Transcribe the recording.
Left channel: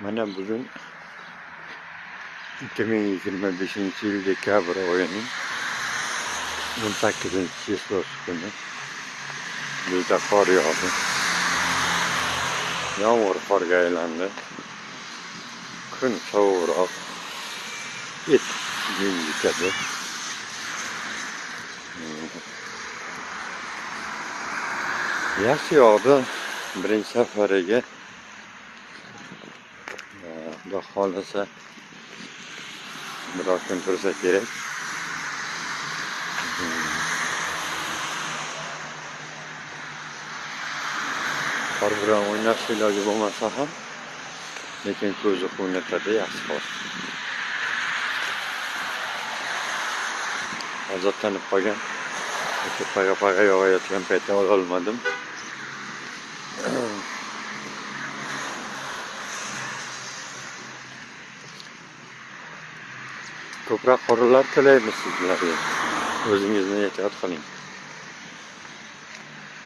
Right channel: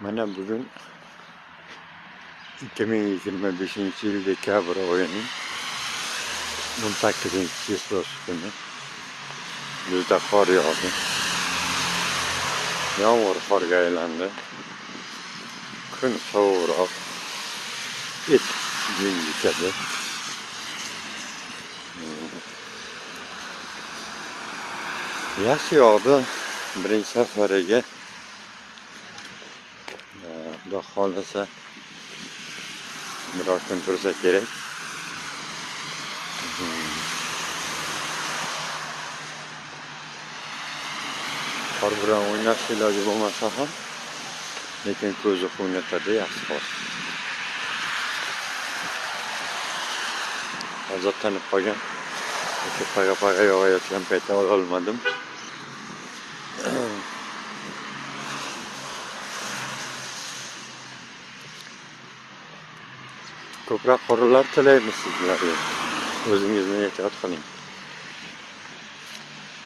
Mana bugun 2025-yil dekabr oyining 18-chислosi kuni. Bizda qor yog'di. Yomg'ir qorga aylandi. Kun sovuqroq. Yetishadi. Yaxshi yog'di. Birinchi safariga Xudo xohlasa biroz kun tursa kerak. Qor bilan o'ynash iloji bo'lmasa ham, lekin ko'zni quvnatadi yaxshi qor. Azoblanib qolgan. O'sha paga yog'ayotgan paytda olmadim. Ko'proq qorlar tilaymiz sizlarga. O'zingizni ehtiyot qiling.